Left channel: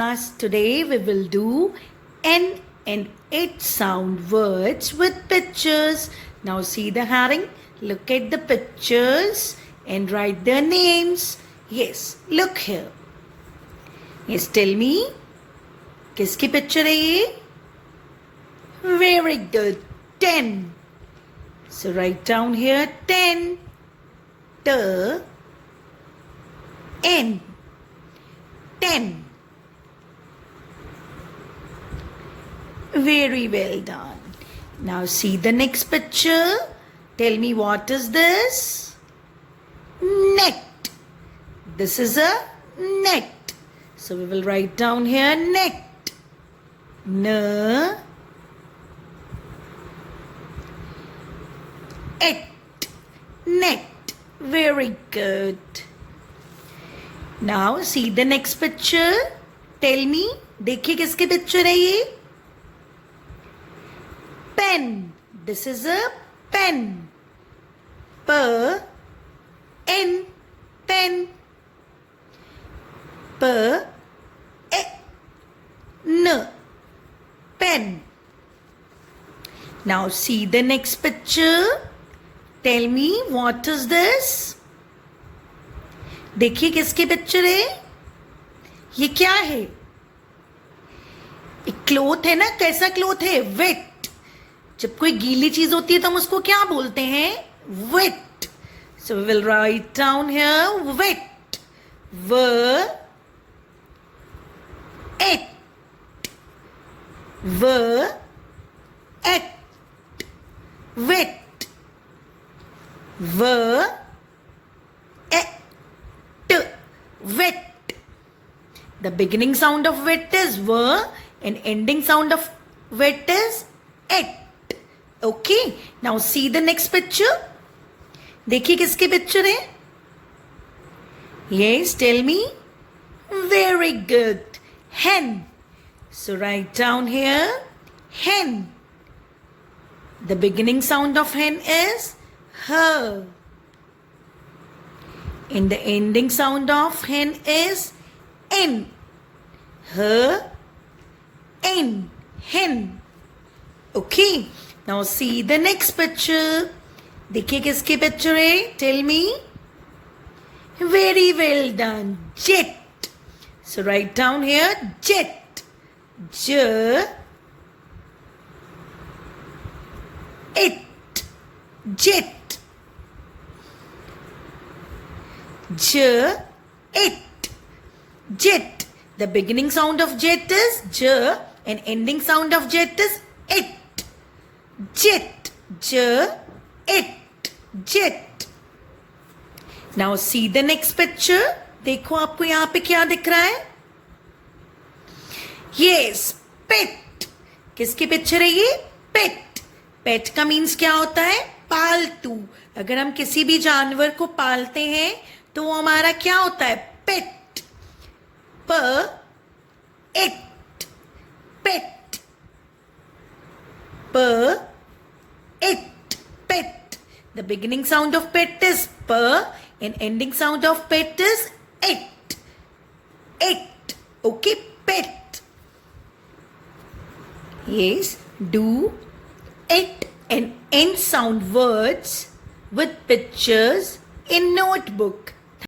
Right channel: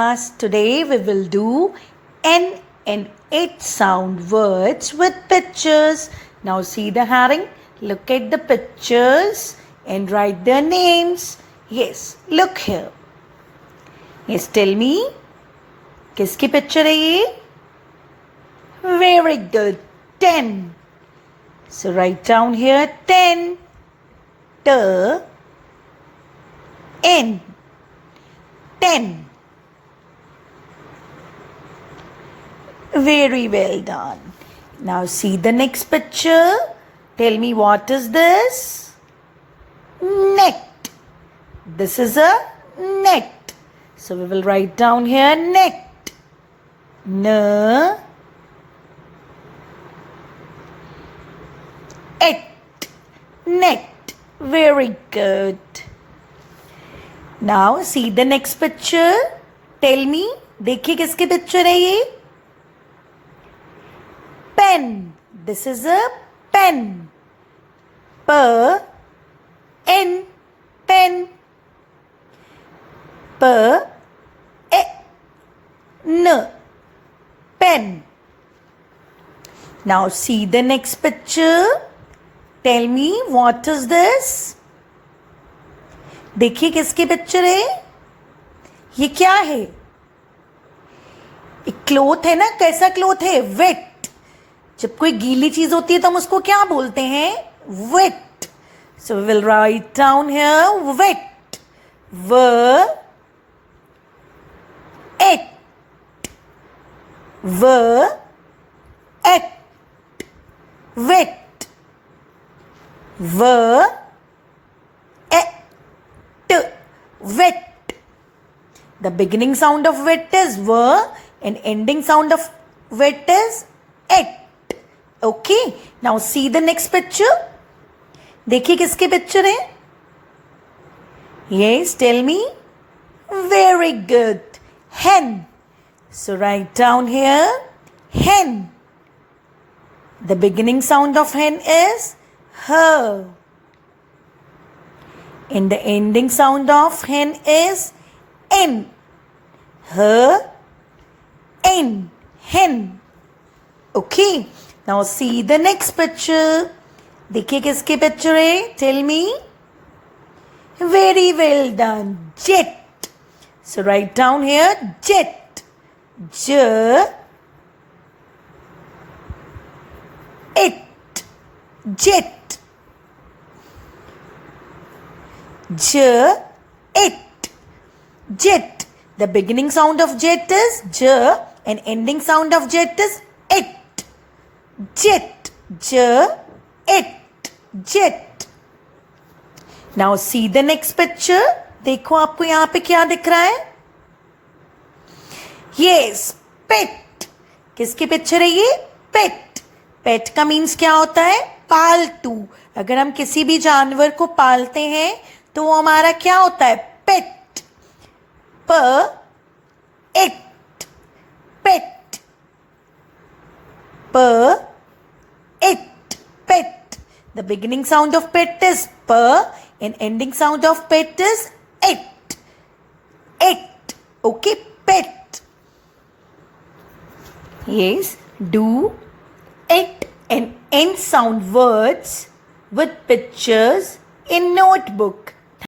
Today we will do N and H sound words with pictures. Now see the herring. Look at the pictures and write their names. Yes, look here. Yes, tell me. किसकी picture है ये? Very good. 10. So write down here 10. N. 10. Very well done. Now see the next picture. Tell me, what is this? Net. This is a net. So we will write down here net. N. Et. Net. Very good. Now see the next picture. Tell me, देखिए किसकी picture है ये? Pen. This is a pen. N. Pen. N. Pen. Now see the next picture. Tell me, what is this? देखिए किसकी picture है? ये क्या है? एक क्लोथ है ना? कैसा क्लोथ है? वेट. जब कोई गीली चीज होती है तो हम उसको क्या बोलते हैं? Wet. So we will write down here wet. At. Wet. Wet. The beginning sound of wet is v and ending sound of wet is et. Okay. Now see the next picture. देखिए किसकी picture है? Yes, tell me. Very good. Hen. So write down here hen. The beginning sound of hen is h. And the ending sound of hen is n. H, n, hen. Okay. Now see the next picture. देखिए किसकी picture है? Tell me. Very well done. Jet. So write down here jet. Jet. Jet. The beginning sound of jet is j and ending sound of jet is it. Jet. Jet. Now see the next picture. देखो आपको यहाँ पे क्या दिख रहा है? Yes, pet. किसकी picture है ये? Pet. Pet का मीन्स क्या होता है? पालतू. अगर हम किसी भी जानवर को पालते हैं तो वो हमारा क्या होता है? पेट. पेट. Pet. The beginning sound of pet is p and ending sound of pet is it. Okay, pet. Yes, do it and end sound words with pictures in notebook.